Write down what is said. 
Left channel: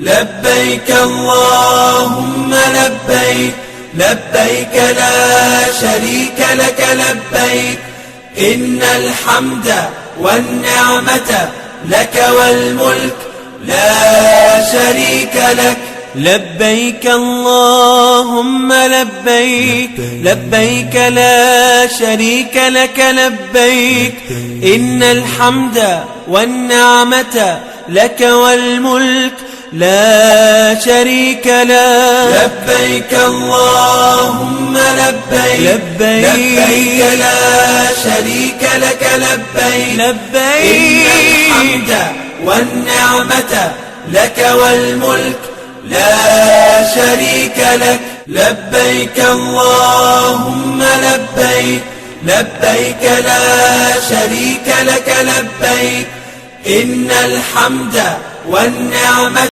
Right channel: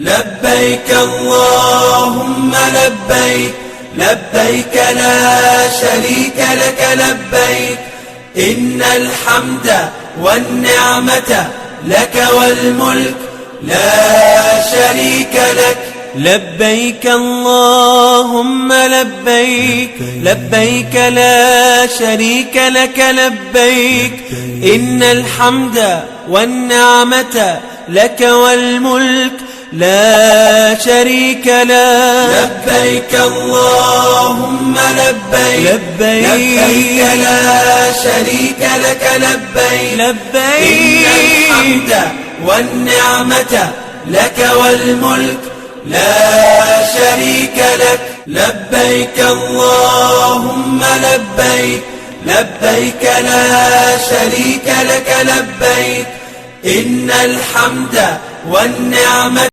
لبيك اللهم لبيك لبيك لا شريك لك لبيك إن الحمد والنعمة لك والملك لا شريك لك. لبيك اللهم لبيك لبيك لا شريك لك لبيك إن الحمد والنعمة لك والملك لا شريك لك. لبيك اللهم لبيك لبيك لا شريك لك لبيك لبيك إن الحمد والنعمة لك والملك لا شريك لك. لبيك اللهم لبيك لبيك لا شريك لك لبيك إن الحمد والنعمة